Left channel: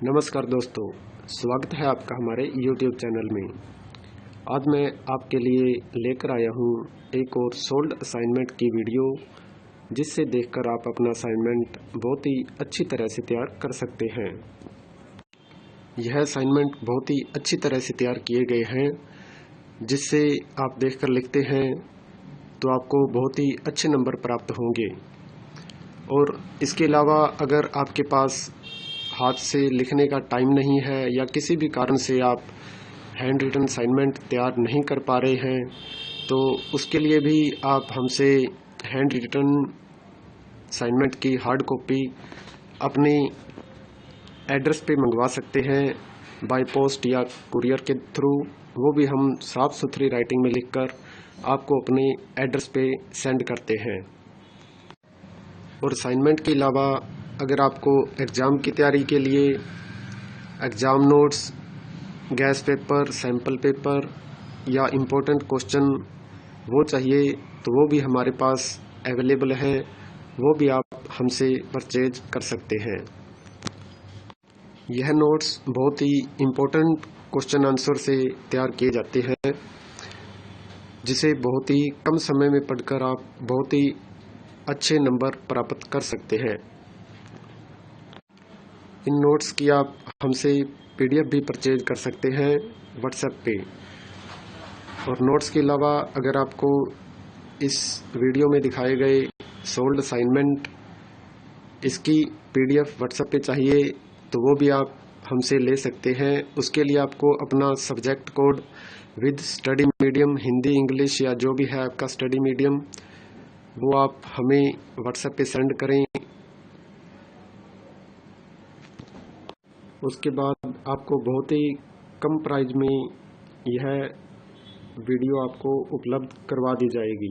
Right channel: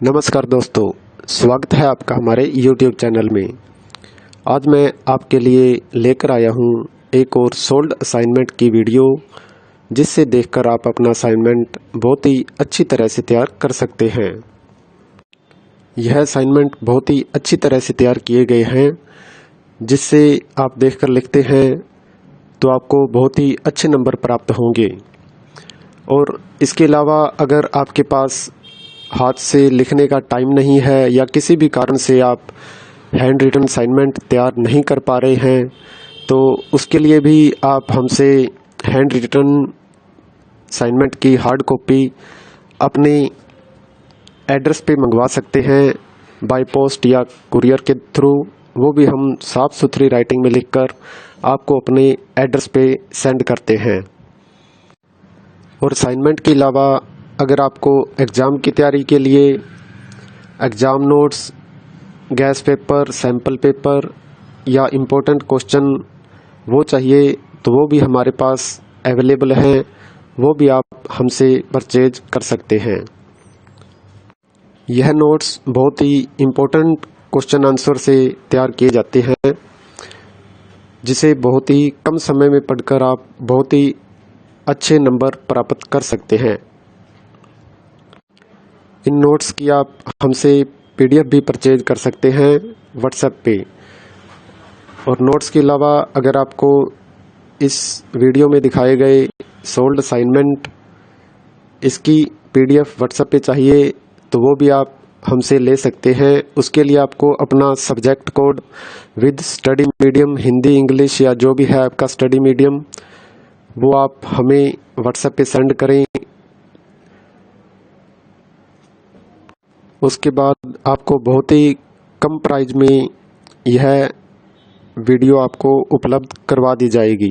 नमस्कार दोस्तों, स्वागत है आपका हमारे YouTube चैनल में। आज मैं आपके लिए लेकर आया हूँ एक और सोल्ड असाइनमेंट की वीडियो, जिससे देखकर आप अपना असाइनमेंट बहुत ही अच्छी तरह से तैयार कर सकते हैं। यह असाइनमेंट बहुत ही अच्छी तरह से तैयार किए गए हैं, जिससे आप देखकर लिखते हैं तो आपको बहुत ही अच्छे नंबर प्राप्त होंगे। और इसके अलावा अगर आपके पास हाथ से लिखने का टाइम नहीं है या किसी भी कारण से आप हैंड रिटन असाइनमेंट तैयार नहीं कर पा रहे हैं, तो उसके लिए भी आप हमसे हैंड रिटन असाइनमेंट की हार्ड कॉपी अपने एड्रेस पे मंगवा सकते हैं, बाय पोस्ट या कुरियर के थ्रू। वो भी हम साफ़ सुथरी राइटिंग में लिखकर आपको अपने एड्रेस पे सेंड करते हैं। और असाइनमेंट के अलावा अगर आपको एग्ज़ाम की तैयारी के लिए exam notes, gas paper, sample paper या इम्पोर्टेंट क्वेश्चन वो चाहिए, तो वो भी हमारे पास अवेलेबल हैं। वो भी आप हमसे परचेज कर सकते हैं। यह नोट्स बहुत ही इम्पोर्टेंट क्वेश्चन आंसर से तैयार किए जाते हैं, जिसे बहुत ही कम समय में पढ़कर आप बहुत ही अच्छे नंबर प्राप्त कर सकते हैं। इन नोट्स की आप हमसे PDF भी परचेज कर सकते हैं व्हाट्सएप पे। और नोट्स के अलावा अगर आपको इस वीडियो में दिखाए गए सोल्ड असाइनमेंट इसकी PDF व्हाट्सएप पे चाहिए, तो वो भी आप हमसे ले सकते हैं। उसके लिए आपको अपना subject code with study medium, Hindi, English या जो भी है आपका स्टडी मीडियम, वो आप हमें व्हाट्सएप पे सेंड करें। उसके बाद आपको बहुत ही कम प्राइस में यह वीडियो आपको उपलब्ध करवा दी जाएगी।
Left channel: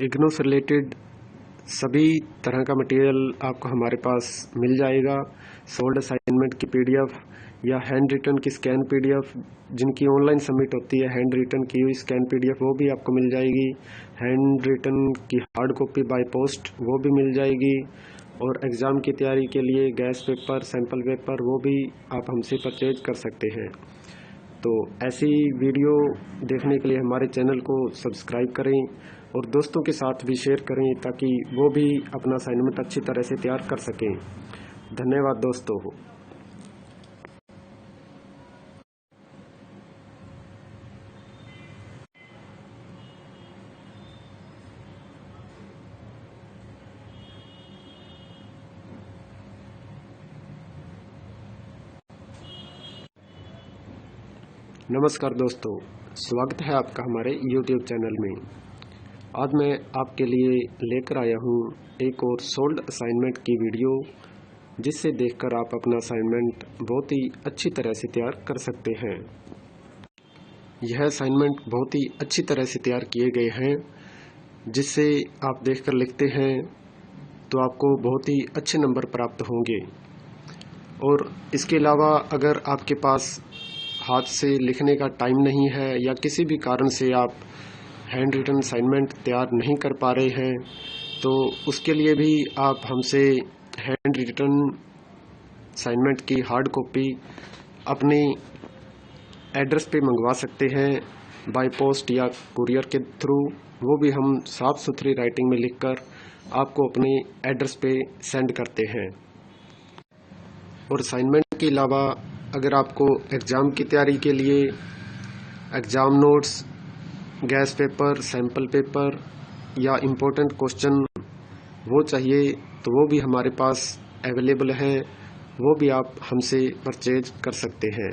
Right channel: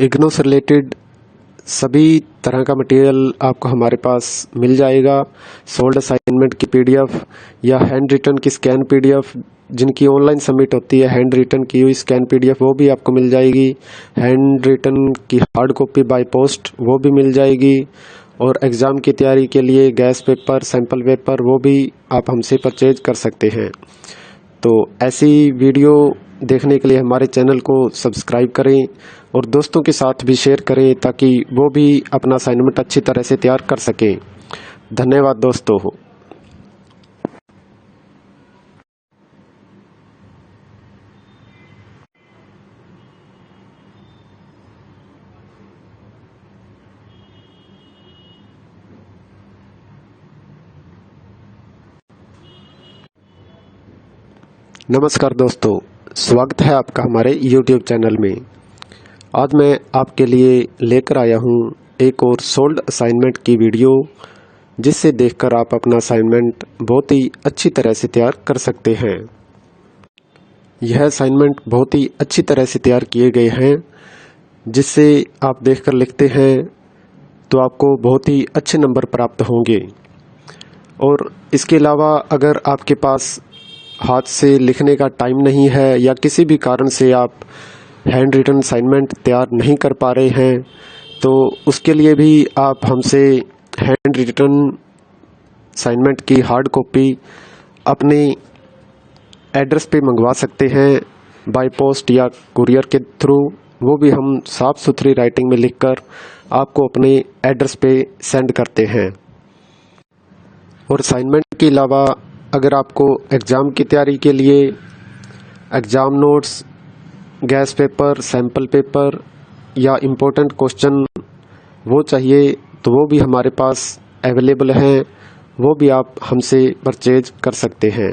इग्नू से रिलेटेड सभी तरह का मटेरियल आपको हमारे पास मिल जाएगा। सोल्ड असाइनमेंट की PDF या हैंड रिटन की स्कैन PDF, जिनकी ऑनलाइन सबमिट होती है, हैंड रिटन की हुई स्कैन PDF वो भी आपको मिल जाएगी। हैंड रिटन की हार्ड कॉपी बाय पोस्ट वो भी मिल जाएगी। और एग्ज़ाम की तैयारी के लिए गैस पेपर, सैम्पल पेपर वो भी आप हमसे परचेज कर सकते हैं। तो ऐसी वीडियो देखने के लिए हमारे चैनल को सब्सक्राइब करें और दोस्तों के साथ भी शेयर करें, ताकि वो भी अपना असाइनमेंट अच्छी तरह से तैयार कर सकें। धन्यवाद दोस्तों। नमस्कार दोस्तों, स्वागत है आपका हमारे YouTube चैनल में। आज मैं आपके लिए लेकर आया हूँ एक और सोल्ड असाइनमेंट की वीडियो, जिससे देखकर आप अपना असाइनमेंट बहुत ही अच्छी तरह से तैयार कर सकते हैं। यह असाइनमेंट बहुत ही अच्छी तरह से तैयार किए गए हैं, जिससे आप देखकर लिखते हैं तो आपको बहुत ही अच्छे नंबर प्राप्त होंगे। और इसके अलावा अगर आपके पास हाथ से लिखने का टाइम नहीं है या किसी भी कारण से आप हैंड रिटन असाइनमेंट तैयार नहीं कर पा रहे हैं, तो उसके लिए भी आप हमसे हैंड रिटन असाइनमेंट की हार्ड कॉपी अपने एड्रेस पे मंगवा सकते हैं, बाय पोस्ट या कुरियर के थ्रू। वो भी हम साफ़ सुथरी राइटिंग में लिखकर आपको अपने एड्रेस पे सेंड करते हैं। और असाइनमेंट के अलावा अगर आपको एग्ज़ाम की तैयारी के लिए exam notes, gas paper, sample paper या इम्पोर्टेंट क्वेश्चन वो चाहिए, तो वो भी हमारे पास अवेलेबल हैं। वो भी आप हमसे परचेज कर सकते हैं।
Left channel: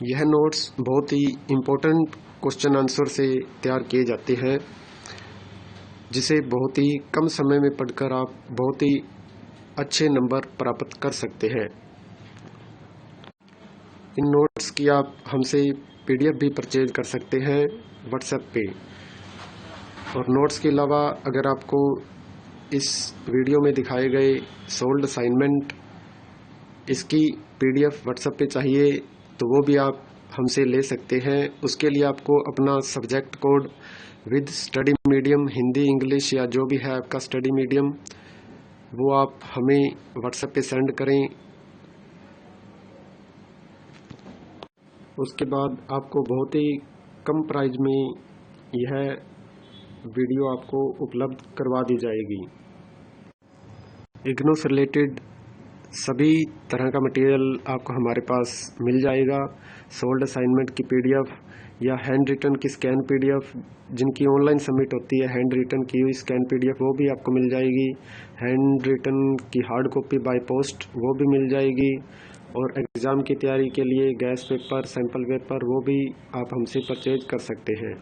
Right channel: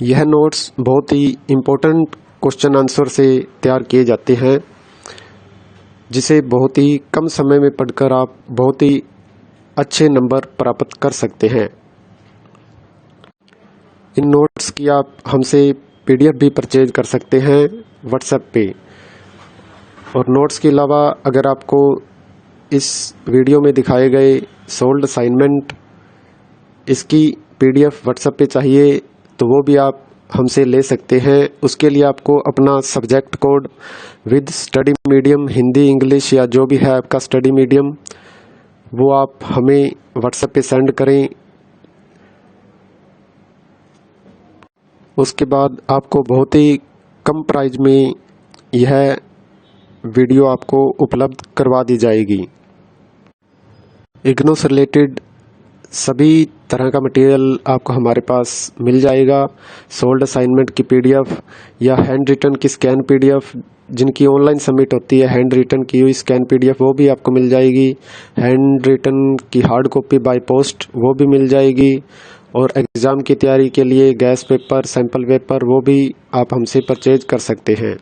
यह नोट्स बहुत ही इम्पोर्टेंट क्वेश्चन आंसर से तैयार किए जाते हैं, जिसे बहुत ही कम समय में पढ़कर आप बहुत ही अच्छे नंबर प्राप्त कर सकते हैं। इन नोट्स की आप हमसे PDF भी परचेज कर सकते हैं व्हाट्सएप पे। और नोट्स के अलावा अगर आपको इस वीडियो में दिखाए गए सोल्ड असाइनमेंट इसकी PDF व्हाट्सएप पे चाहिए, तो वो भी आप हमसे ले सकते हैं। उसके लिए आपको अपना subject code with study medium, Hindi, English या जो भी है आपका स्टडी मीडियम, वो आप हमें व्हाट्सएप पे सेंड करें। उसके बाद आपको बहुत ही कम प्राइस में यह वीडियो आपको उपलब्ध करवा दी जाएगी। इग्नू से रिलेटेड सभी तरह का मटेरियल आपको हमारे पास मिल जाएगा। सोल्ड असाइनमेंट की पीडीएफ या हैंड रिटन की स्कैन पीडीएफ, जिनकी ऑनलाइन सबमिट होती है, हैंड रिटन की हुई स्कैन पीडीएफ वो भी आपको मिल जाएगी। हैंड रिटन की हार्ड कॉपी बाय पोस्ट वो भी मिल जाएगी। और एग्ज़ाम की तैयारी के लिए गैस पेपर, सैम्पल पेपर वो भी आप हमसे परचेज कर सकते हैं।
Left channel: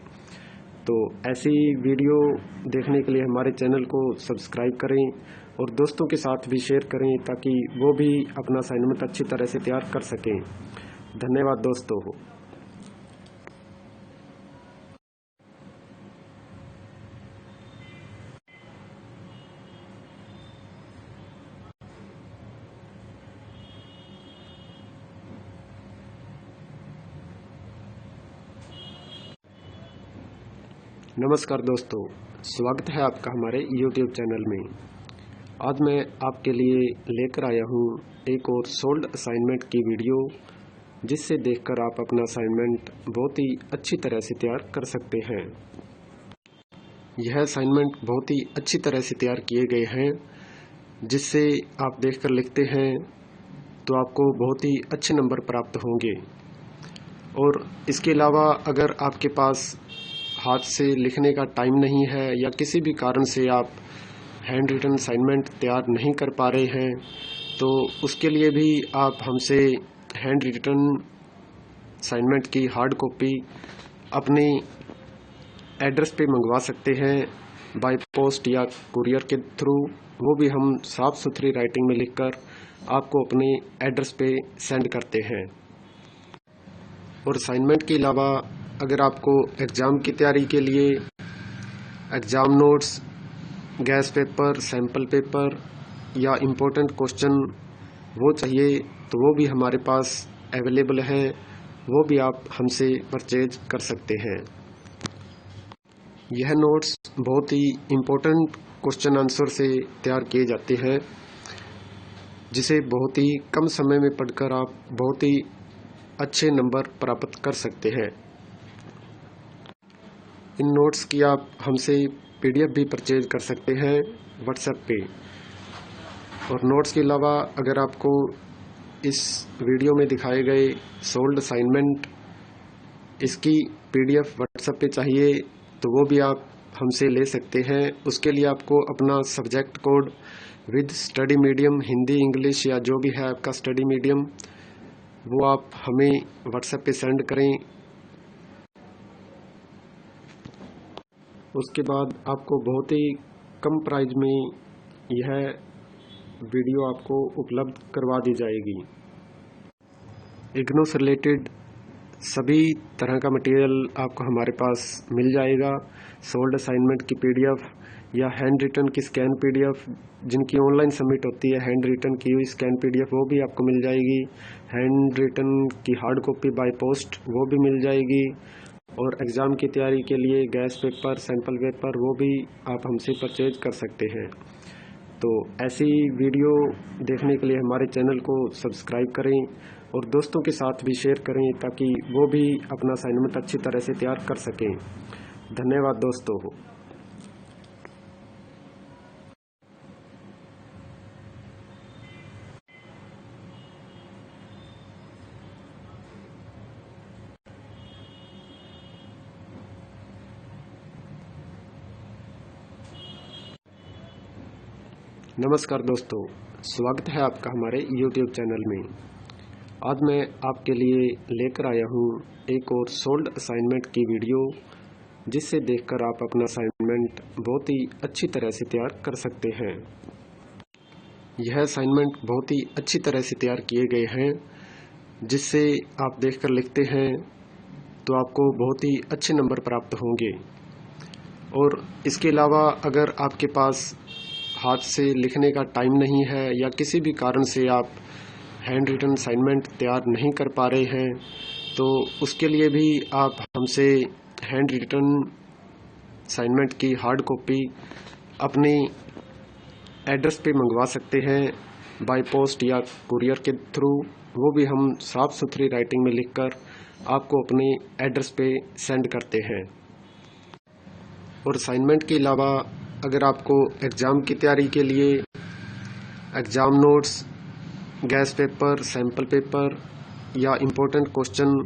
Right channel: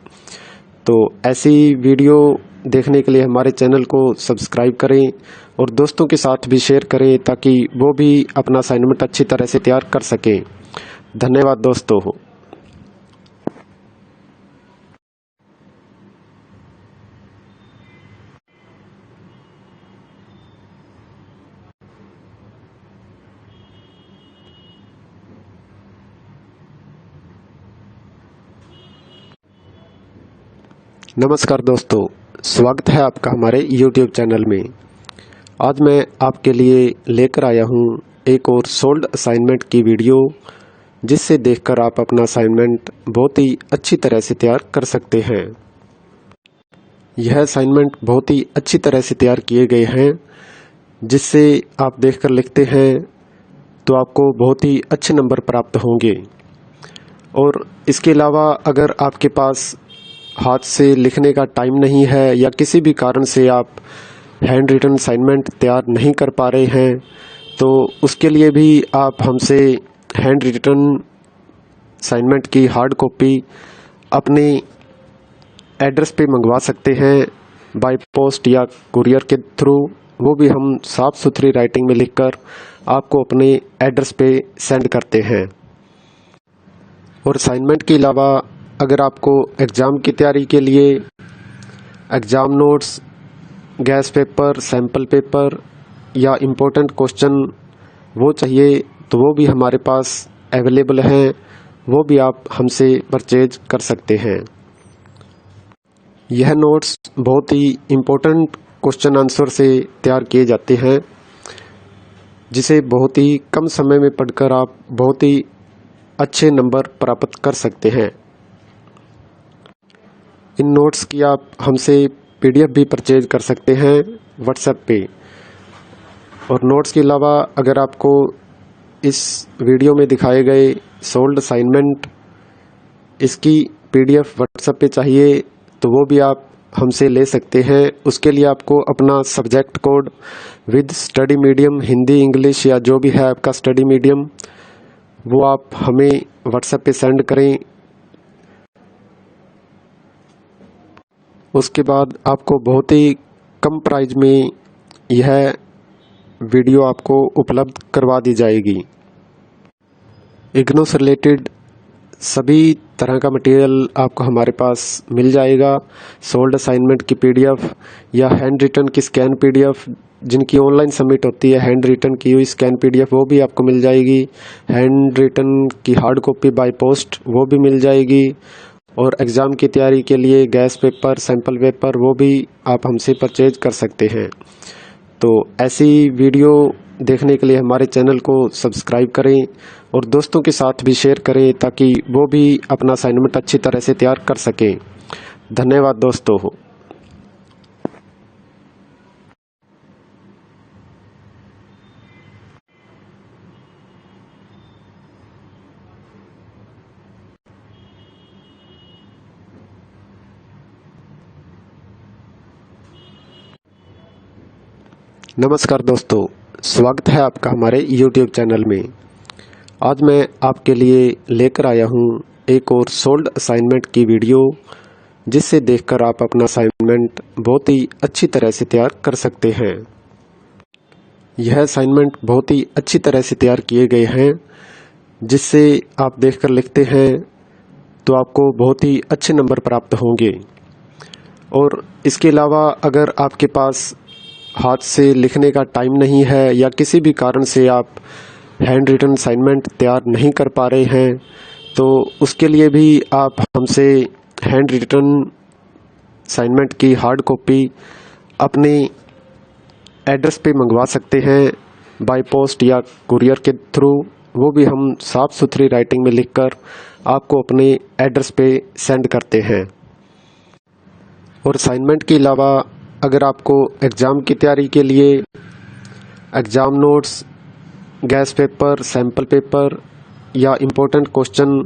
तो ऐसी वीडियो देखने के लिए हमारे चैनल को सब्सक्राइब करें और दोस्तों के साथ भी शेयर करें ताकि वो भी अपना असाइनमेंट अच्छी तरह से तैयार कर सकें। धन्यवाद दोस्तों। नमस्कार दोस्तों, स्वागत है आपका हमारे YouTube चैनल में। आज मैं आपके लिए लेकर आया हूँ एक और सोल्ड असाइनमेंट की वीडियो, जिससे देखकर आप अपना असाइनमेंट बहुत ही अच्छी तरह से तैयार कर सकते हैं। यह असाइनमेंट बहुत ही अच्छी तरह से तैयार किए गए हैं, जिससे आप देखकर लिखते हैं तो आपको बहुत ही अच्छे नंबर प्राप्त होंगे। और इसके अलावा अगर आपके पास हाथ से लिखने का टाइम नहीं है या किसी भी कारण से आप हैंड रिटन असाइनमेंट तैयार नहीं कर पा रहे हैं, तो उसके लिए भी आप हमसे हैंड रिटन असाइनमेंट की हार्ड कॉपी अपने एड्रेस पे मंगवा सकते हैं, बाय पोस्ट या कुरियर के थ्रू। वो भी हम साफ़ सुथरी राइटिंग में लिखकर आपको अपने एड्रेस पे सेंड करते हैं। और असाइनमेंट के अलावा अगर आपको एग्ज़ाम की तैयारी के लिए exam notes, gas paper, sample paper या इम्पोर्टेंट क्वेश्चन वो चाहिए, तो वो भी हमारे पास अवेलेबल हैं। वो भी आप हमसे परचेज कर सकते हैं। यह नोट्स बहुत ही इम्पोर्टेंट क्वेश्चन आंसर से तैयार किए जाते हैं, जिसे बहुत ही कम समय में पढ़कर आप बहुत ही अच्छे नंबर प्राप्त कर सकते हैं। इन नोट्स की आप हमसे पीडीएफ भी परचेज कर सकते हैं व्हाट्सएप पे। और नोट्स के अलावा अगर आपको इस वीडियो में दिखाए गए सोल्ड असाइनमेंट इसकी पीडीएफ व्हाट्सएप पे चाहिए, तो वो भी आप हमसे ले सकते हैं। उसके लिए आपको अपना subject code with study medium, Hindi, English या जो भी है आपका स्टडी मीडियम, वो आप हमें व्हाट्सएप पे सेंड करें। उसके बाद आपको बहुत ही कम प्राइस में यह वीडियो आपको उपलब्ध करवा दी जाएगी। इग्नू से रिलेटेड सभी तरह का मटेरियल आपको हमारे पास मिल जाएगा। सोल्ड असाइनमेंट की पीडीएफ या हैंड रिटन की स्कैन पीडीएफ, जिनकी ऑनलाइन सबमिट होती है, हैंड रिटन की हुई स्कैन पीडीएफ वो भी आपको मिल जाएगी। हैंड रिटन की हार्ड कॉपी बाय पोस्ट वो भी मिल जाएगी। और एग्ज़ाम की तैयारी के लिए गैस पेपर, सैम्पल पेपर वो भी आप हमसे परचेज कर सकते हैं। तो ऐसी वीडियो देखने के लिए हमारे चैनल को सब्सक्राइब करें और दोस्तों के साथ भी शेयर करें ताकि वो भी अपना असाइनमेंट अच्छी तरह से तैयार कर सकें। धन्यवाद दोस्तों। नमस्कार दोस्तों, स्वागत है आपका हमारे YouTube चैनल में। आज मैं आपके लिए लेकर आया हूँ एक और सोल्ड असाइनमेंट की वीडियो, जिससे देखकर आप अपना असाइनमेंट बहुत ही अच्छी तरह से तैयार कर सकते हैं। यह असाइनमेंट बहुत ही अच्छी तरह से तैयार किए गए हैं, जिससे आप देखकर लिखते हैं तो आपको बहुत ही अच्छे नंबर प्राप्त होंगे। और इसके अलावा अगर आपके पास हाथ से लिखने का टाइम नहीं है या किसी भी कारण से आप हैंड रिटन असाइनमेंट तैयार नहीं कर पा रहे हैं, तो उसके लिए भी आप हमसे हैंड रिटन असाइनमेंट की हार्ड कॉपी अपने एड्रेस पे मंगवा सकते हैं बाय पोस्ट या कुरियर के थ्रू, वो भी हम साफ़ सुथरी राइटिंग में लिखकर आपको अपने एड्रेस पे सेंड करते हैं। और असाइनमेंट के अलावा अगर आपको एग्ज़ाम की तैयारी के लिए exam notes, gas paper, sample paper या इम्पोर्टेंट क्वेश्चन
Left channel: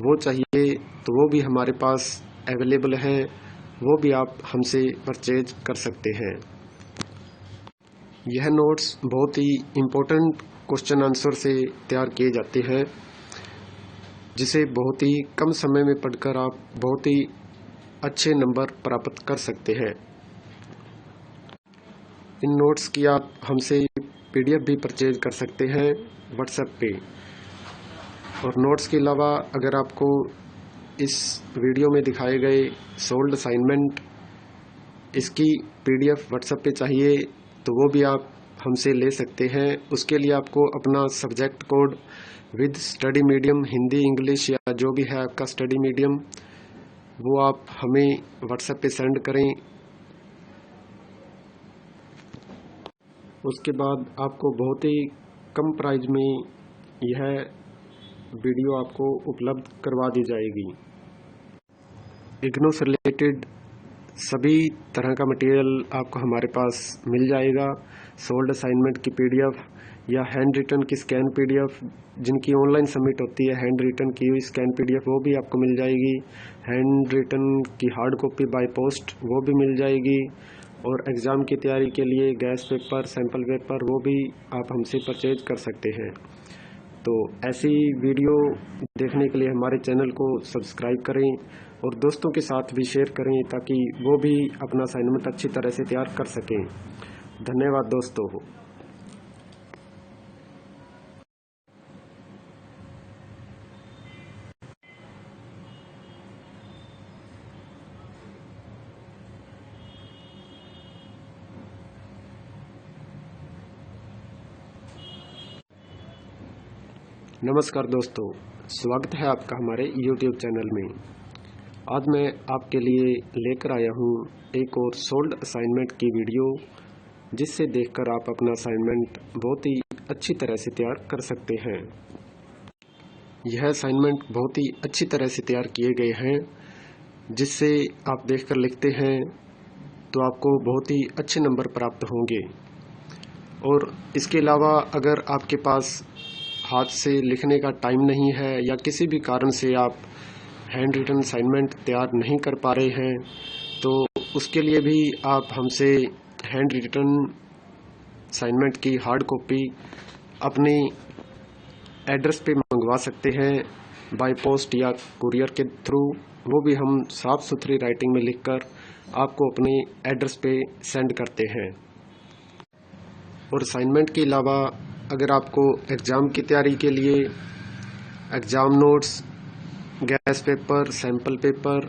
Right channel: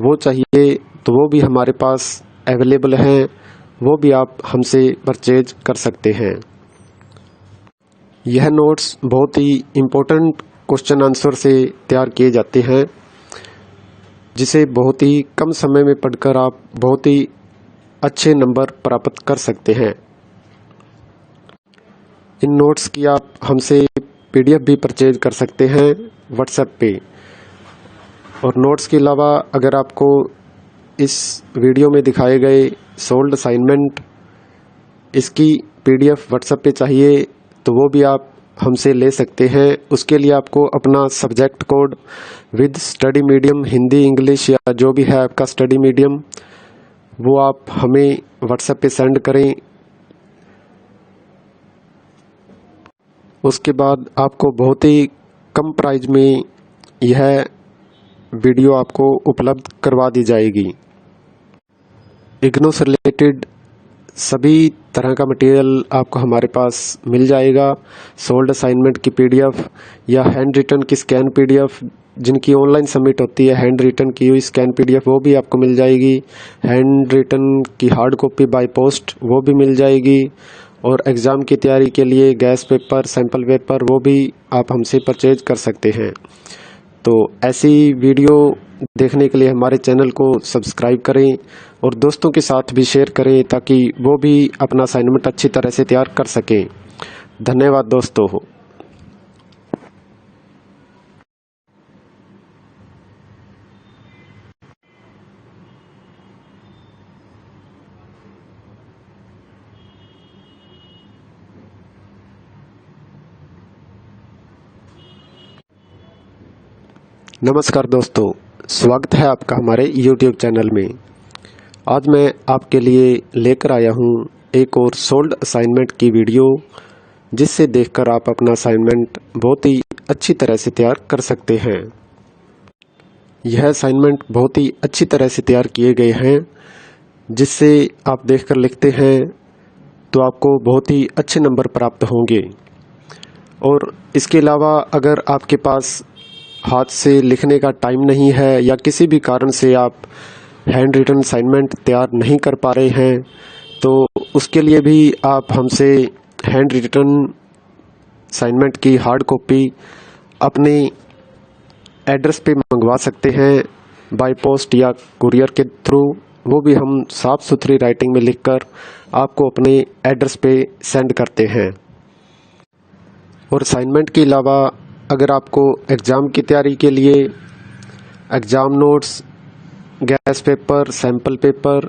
वो चाहिए तो वो भी हमारे पास अवेलेबल हैं, वो भी आप हमसे परचेज कर सकते हैं। यह नोट्स बहुत ही इम्पोर्टेंट क्वेश्चन आंसर से तैयार किए जाते हैं, जिसे बहुत ही कम समय में पढ़कर आप बहुत ही अच्छे नंबर प्राप्त कर सकते हैं। इन नोट्स की आप हमसे PDF भी परचेज कर सकते हैं व्हाट्सएप पे। और नोट्स के अलावा अगर आपको इस वीडियो में दिखाए गए सोल्ड असाइनमेंट इसकी PDF व्हाट्सएप पे चाहिए तो वो भी आप हमसे ले सकते हैं। उसके लिए आपको अपना subject code with study medium, Hindi, English या जो भी है आपका स्टडी मीडियम, वो आप हमें व्हाट्सएप पे सेंड करें। उसके बाद आपको बहुत ही कम प्राइस में यह वीडियो आपको उपलब्ध करवा दी जाएगी। इग्नू से रिलेटेड सभी तरह का मटेरियल आपको हमारे पास मिल जाएगा। सोल्ड असाइनमेंट की PDF या हैंड रिटन की स्कैन PDF, जिनकी ऑनलाइन सबमिट होती है हैंड रिटन की हुई स्कैन PDF, वो भी आपको मिल जाएगी। हैंड रिटन की हार्ड कॉपी बाय पोस्ट वो भी मिल जाएगी। और एग्ज़ाम की तैयारी के लिए गैस पेपर, सैम्पल पेपर वो भी आप हमसे परचेज कर सकते हैं। तो ऐसी वीडियो देखने के लिए हमारे चैनल को सब्सक्राइब करें और दोस्तों के साथ भी शेयर करें ताकि वो भी अपना असाइनमेंट अच्छी तरह से तैयार कर सकें। धन्यवाद दोस्तों। नमस्कार दोस्तों, स्वागत है आपका हमारे YouTube चैनल में। आज मैं आपके लिए लेकर आया हूँ एक और सोल्ड असाइनमेंट की वीडियो, जिससे देखकर आप अपना असाइनमेंट बहुत ही अच्छी तरह से तैयार कर सकते हैं। यह असाइनमेंट बहुत ही अच्छी तरह से तैयार किए गए हैं, जिससे आप देखकर लिखते हैं तो आपको बहुत ही अच्छे नंबर प्राप्त होंगे। और इसके अलावा अगर आपके पास हाथ से लिखने का टाइम नहीं है या किसी भी कारण से आप हैंड रिटन असाइनमेंट तैयार नहीं कर पा रहे हैं, तो उसके लिए भी आप हमसे हैंड रिटन असाइनमेंट की हार्ड कॉपी अपने एड्रेस पे मंगवा सकते हैं बाय पोस्ट या कुरियर के थ्रू, वो भी हम साफ़ सुथरी राइटिंग में लिखकर आपको अपने एड्रेस पे सेंड करते हैं। और असाइनमेंट के अलावा अगर आपको एग्ज़ाम की तैयारी के लिए exam notes, gas paper, sample paper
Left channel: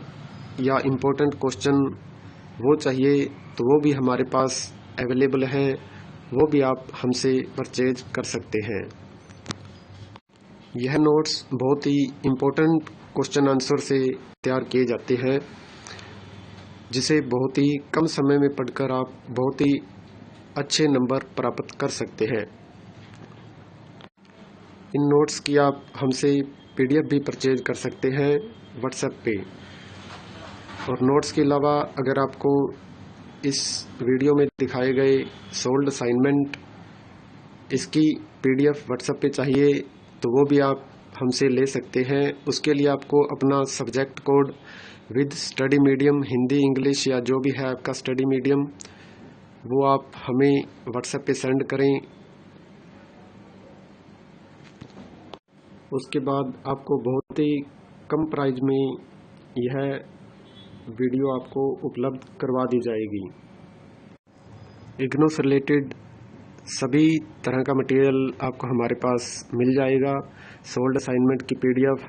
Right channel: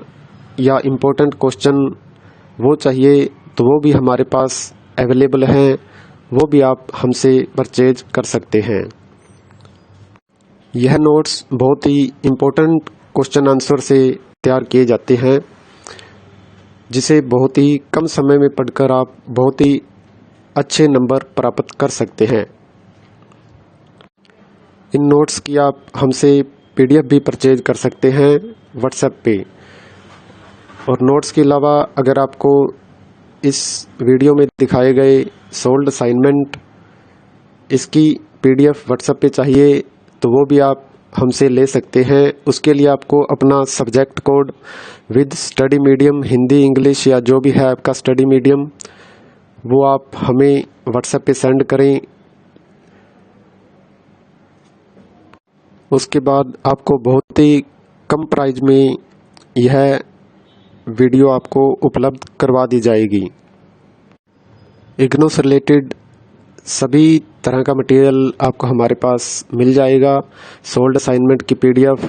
या इम्पोर्टेंट क्वेश्चन वो चाहिए तो वो भी हमारे पास अवेलेबल हैं, वो भी आप हमसे परचेज कर सकते हैं। यह नोट्स बहुत ही इम्पोर्टेंट क्वेश्चन आंसर से तैयार किए जाते हैं, जिसे बहुत ही कम समय में पढ़कर आप बहुत ही अच्छे नंबर प्राप्त कर सकते हैं। इन नोट्स की आप हमसे PDF भी परचेज कर सकते हैं व्हाट्सएप पे। और नोट्स के अलावा अगर आपको इस वीडियो में दिखाए गए सोल्ड असाइनमेंट इसकी PDF व्हाट्सएप पे चाहिए तो वो भी आप हमसे ले सकते हैं। उसके लिए आपको अपना subject code with study medium, Hindi, English या जो भी है आपका स्टडी मीडियम, वो आप हमें व्हाट्सएप पे सेंड करें। उसके बाद आपको बहुत ही कम प्राइस में यह वीडियो आपको उपलब्ध करवा दी जाएगी। इग्नू से रिलेटेड सभी तरह का मटेरियल आपको हमारे पास मिल जाएगा। सोल्ड असाइनमेंट की PDF